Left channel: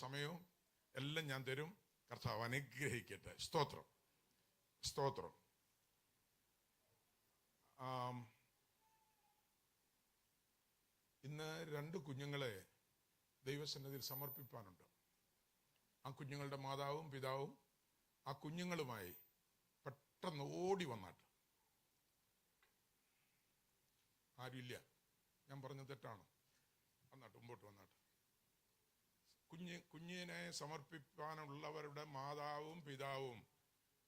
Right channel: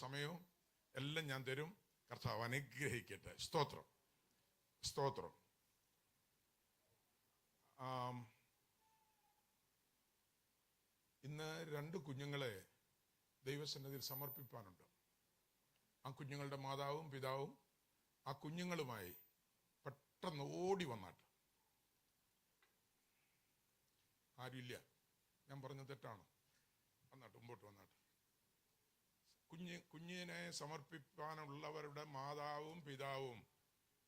സമയവും എല്ലാം ഞാൻ തരും. കർത്താവ് അനുഗ്രഹിക്കട്ടെ. സ്തോത്രം, സ്തോത്രം. ഇന്ന് 2 കുഞ്ഞുങ്ങളെ ദൈവസന്നിധിയിൽ സമർപ്പിക്കാനുണ്ട്. ആ കുഞ്ഞുങ്ങളുടെ മാതാവും പിതാവും ആ കുഞ്ഞുങ്ങളുമായി പെട്ടെന്ന് ഓടി വന്നാട്ട്. ആരുമില്ല, ഞാൻ പറഞ്ഞ തെറ്റാണ്. വന്നാട്ട്, മുമ്പോട്ട് വന്നാട്ട്. കുഞ്ഞിനെ സമർപ്പിക്കാനുള്ളവരുടെ മാതാവും പിതാവും,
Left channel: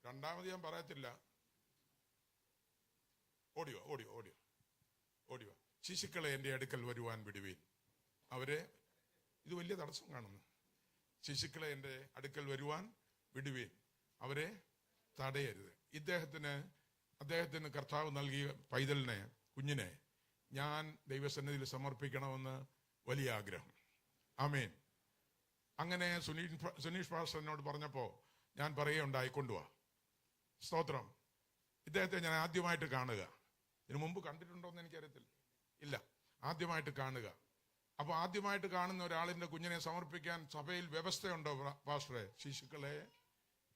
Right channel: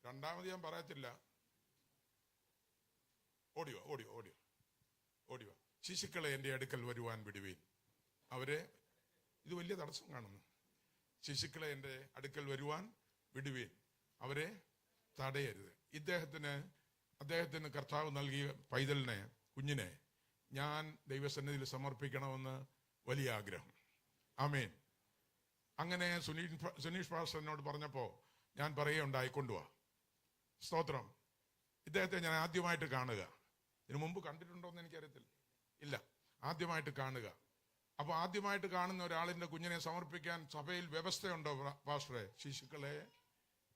രണ്ടാമത് ഞാൻ പറയത്തില്ല, ഓടിയോ ഓടിയോ ഓടിയോ ഓടിയോ. ശിശുക്കളെ എന്റെ അടുക്കൽ വരുവാൻ വിടുവീൻ. അവരെ, ഇത് വലിയ തടസ്സം കാണുന്നു. ശിശുക്കളെ എന്റെ അടുക്കൽ വരുവാൻ വിടുവീൻ, അവരെ തടയരുത്. അദ്ദേഹത്തിന് കർത്താവ് നൽകിയ പൈതലിനെ, കുഞ്ഞിനെ ഞാൻ ദൈവസന്നിധിയിൽ സമർപ്പിക്കണമെന്ന് വലിയ ആഗ്രഹം. ആമേൻ. അങ്ങനെ സുനീഷ് പാസ്റ്ററിനോട് പറഞ്ഞപ്പോ ഞാൻ പറയുകയുണ്ടായി, കൊണ്ടുപോവാ. സ്തോത്രം. ഇദ്ദേഹത്തെ ഞാൻ ആദ്യമായിട്ട് കാണുക. ഇതിനു മുമ്പ് കണ്ടിട്ടുണ്ടോ എന്ന് എനിക്കറിയത്തില്ല. ഇല്ല, ആദ്യമായിട്ട് കാണുക. അപ്പൊ ആദ്യമായിട്ട് കാണുന്ന ഒരാളിന്റെ കുഞ്ഞിനെ സമർപ്പിക്കാൻ സഭയിൽ വ്യവസ്ഥയുണ്ടോ പാസ്റ്ററെ? ശിശുക്കളെ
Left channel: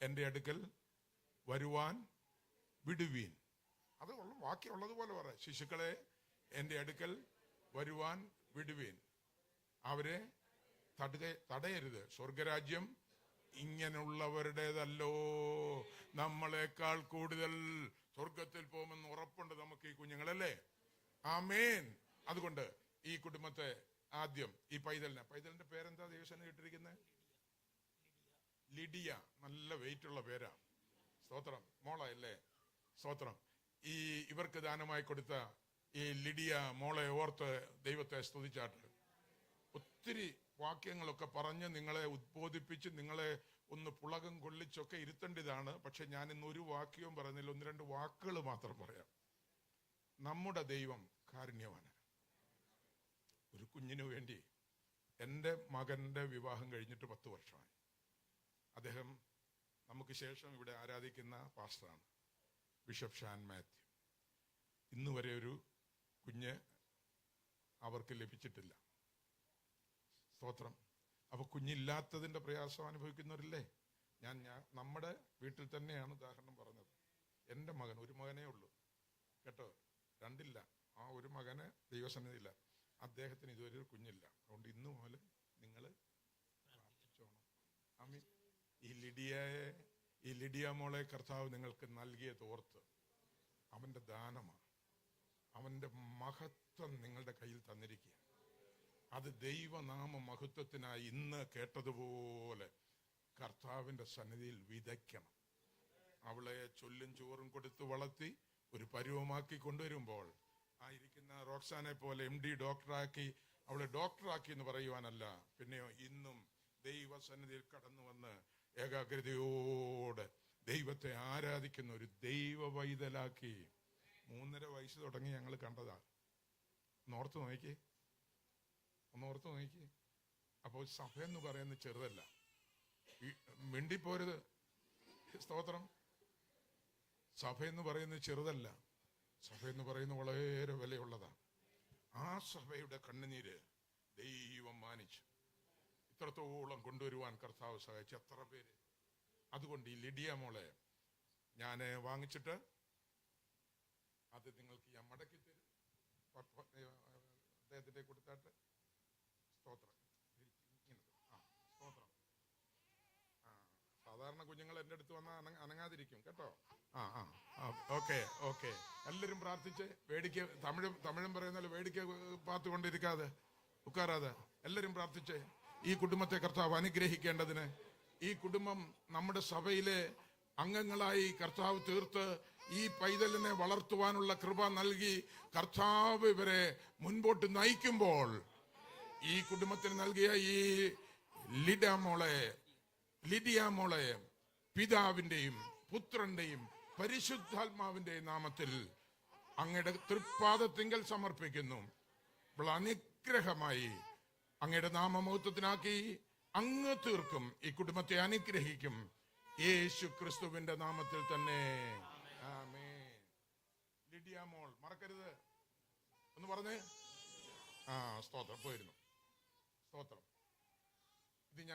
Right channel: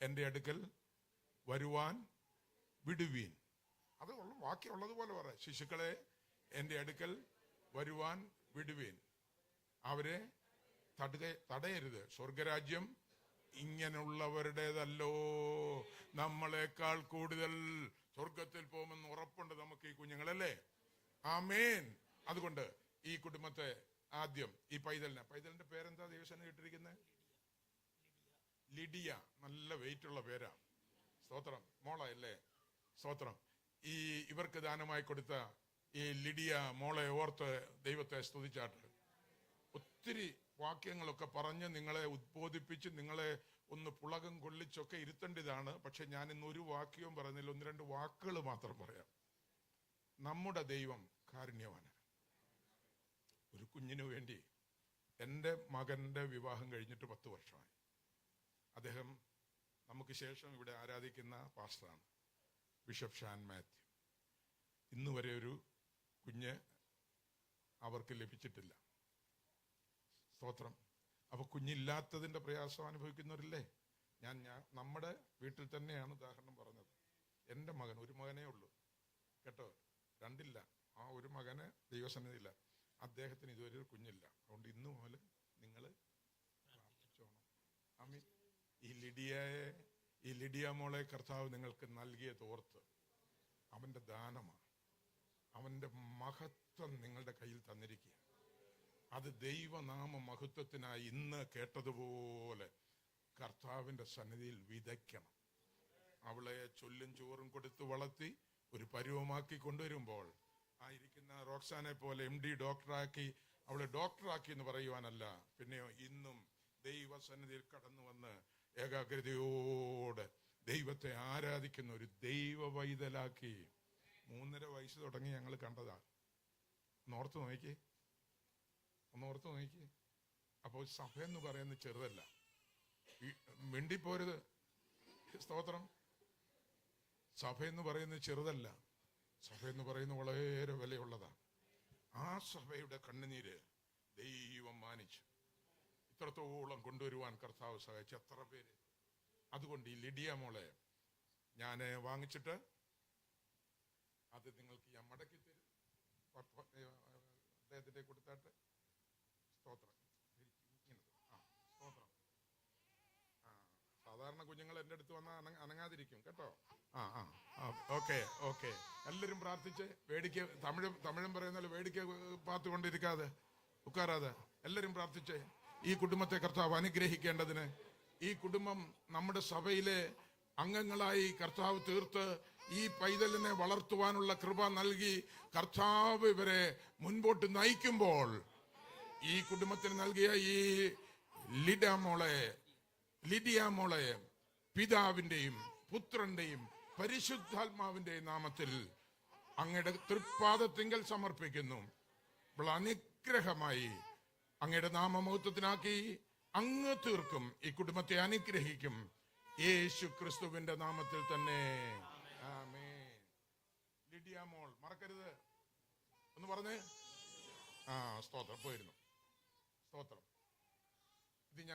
എന്റെ അടുക്കൽ വരുവാൻ വിടുവീൻ. അത് ബാക്കിയുള്ളതുപോലെ പറയാം. ശിശുക്കളെ എന്റെ അടുക്കൽ വരുവാൻ വിടുവീൻ, അവരെ തടയരുത്. സ്വർഗരാജ്യം ഇങ്ങനെയുള്ളവരുടേതല്ലോ. നമ്മളെക്കാൾ കൂടുതൽ സ്വർഗത്തിൽ പോകുമെന്ന് ഉറപ്പുണ്ട് നമുക്ക് ഈ കുഞ്ഞുങ്ങളല്ലേ. ആമേൻ. അതുകൊണ്ട് ഈ കുടുംബത്തെ ആദ്യം, ഈ പൈതലിന്റെ പേരെന്താ ദൈവസന്നിധിയിൽ ഇട്ടിരിക്കുന്നത്? ലിഡിയ. നല്ല വെയിറ്റ് ഉള്ള പേരാ. സ്തോത്രം. മോളല്ലേ? സ്തോത്രം. ഇവർക്ക് ദാനമായി കൊടുത്ത ഈ ലിഡിയ മോളെ ഓർത്ത് ദൈവത്തെ സ്തുതിച്ചാട്ട്. ഒത്തിരി വാക്യങ്ങളൊക്കെ പറഞ്ഞ് നിങ്ങളെ ഉദ്ബോധിപ്പിച്ച് നിങ്ങളെ ഒന്ന് പുളകം കൊള്ളിച്ചൊക്കെ ഇരുത്തേണ്ടതാണ്. പക്ഷെ ഞാൻ ഇന്ന് ഒരു വാക്യവും പറയുന്നില്ല, 1-2 വാക്കുകൾ മാത്രം പറയാം. നമ്മുടെ ദൈവം കാരുണ്യവാനാണ്. ഒരു കുഞ്ഞിനു വേണ്ടി, എൻ്റെ മകന്റെ വിവാഹം കഴിഞ്ഞിട്ട് 10 വർഷമായി. അദ്ദേഹം നമുക്ക് ശേഷം ഇവിടെ ആരാധിക്കുന്ന പാസ്റ്ററാണ്, ബിഷപ്പ് ഷാൻ മാത്യു. ഇന്ന് വരെ ഒരു കുഞ്ഞ് അവർക്ക് ലഭിച്ചിട്ടില്ല. സ്തോത്രം. അപ്പൊ കുഞ്ഞില്ലാത്തതിന്റെ പ്രയാസം അനുഭവിക്കുന്നവരില്ലേ? നമ്മുടെ വീട്ടിൽ തന്നെയാണ് ഉദാഹരണം പറഞ്ഞത്. എന്റെ മകൻ, ഒരു മകനേ ഉള്ളൂ കേട്ടോ, 2 ഇല്ല. ആ ഒരു മകന് ദൈവസന്നിധിയില്ല. അദ്ദേഹത്തിന് ഇതുവരെ ഒരു കുഞ്ഞില്ല. അതുകൊണ്ട് ഇന്നു മുതൽ നിങ്ങൾ പ്രാർത്ഥിച്ചോണം. ആമീൻ. ഈ ലിഡിയ മോളെ കർത്താവ് നിങ്ങൾക്ക് നൽകിയത് ഓർത്ത്, അവന്റെ ദാനമാണ്, അവന്റെ മഹത്വം നിങ്ങളുടെ കയ്യിൽ തന്നിരിക്കുക. അത് ദൈവനാമ മഹത്വത്തിനായി ഇന്ന് കേട്ടതുപോലെ കർത്താവിന്റെ സന്നിധിയിൽ വിതയ്ക്കണം. അവളെ ചൊല്ലും ചോറും കൊടുത്ത് വളർത്തി ഒരു പരുവമാക്കി കൊണ്ടുവരുമ്പോൾ, ആയിരിക്കുന്ന റോക്സാനെ പോലെ MD ഡോക്ടറാക്കി, അവളെ ഡോക്ടറാക്കി എന്ന് പറയുവാനല്ല, പിന്നെയോ ഇന്നും ദൈവസന്നിധിയിൽ കടന്നു വന്ന് ഏകാഗ്രതയോടെ ദൈവത്തെ ആരാധിക്കുന്ന ഒരു ദൈവ വൈതലാക്കി. 3.5 വയസ്സ് തുടങ്ങി ഞങ്ങൾ കണ്ടതാ. ഓർത്ത് നോക്കി. അപ്പോൾ സഭ എന്ന് പറയുന്നത് ചെറുതല്ല. മിണ്ടിപ്പോരുത്. സ്തോത്രം. സഭ എന്ന് പറയുന്നത് ചെറുതല്ല. സഭ എന്ന് പറയുന്നത് വളരെ വിലയുള്ളതാണ്. ആ സഭയുടെ കണ്ണുനീര് ദൈവം മാനിച്ചു ഇത്രത്തോളം കൊണ്ടുവരുവാൻ കർത്താവ് സഹായിച്ചു. എത്ര പേര്. അതുകൊണ്ട് ഈ ലിഡിയ മോളെ ഞാൻ വാങ്ങിച്ചിട്ട് അത് നിങ്ങൾക്ക് ഞാൻ മടക്കി തരും. അദ്ദേഹത്തിന്റെ കൊടുത്താട്ട്. സ്തോത്രം. സ്തോത്രം. സാധാരണ കുഞ്ഞുങ്ങൾ എന്റെ അടുത്ത് വന്നാൽ അനങ്ങാതിരിക്കും കേട്ടോ. ഓക്കെ. എല്ലാരും പ്രാർത്ഥിച്ച് വേടിക്ക. തമിഴും പറയുന്ന വേടിക്ക പാത്തുകൊണ്ടിരിക്കാതെ ഉക്കാറാതെ എല്ലാരും പ്രാർത്ഥിച്ച് ഈ കുടുംബത്തെ കർത്താവ് അനുഗ്രഹിക്കേണ്ടതിന്, ഈ കുടുംബം നമ്മുടെ സഭയിലെ അംഗങ്ങളായി കർത്താവ് തീർത്ത് ഈ പൈതലിനെ വളർത്തുവാനുള്ള കൃപ നൽകി കർത്താവ് ഇവരെ മുൻപോട്ട് നയിക്കുമ്പോൾ, ഈ കുടുംബത്തിന് നൽകിയ ഈ ലിഡിയ മോളെ പിതാവിന്റെയും പുത്രന്റെയും പരിശുദ്ധാത്മാവിന്റെയും നാമത്തിൽ അങ്ങയുടെ തൃപ്പാദത്തിങ്കൽ സമർപ്പിക്കുന്നു. അനുഗ്രഹമായി അങ്ങയുടെ നാമമഹത്വത്തിനാക്കി അങ്ങ് തീർക്കും. ഈ കുടുംബത്തെ അനുഗ്രഹിക്കും. യേശു ക്രിസ്തുവിന്റെ നാമത്തിൽ തന്നെ. ആമേൻ. ലിഡിയ മോൾ മറക്കരുത്. ഒന്ന് പറഞ്ഞേ. സ്തോത്രം. പോയിരുന്നു. സ്തോത്രം. ഇത് ഞങ്ങൾ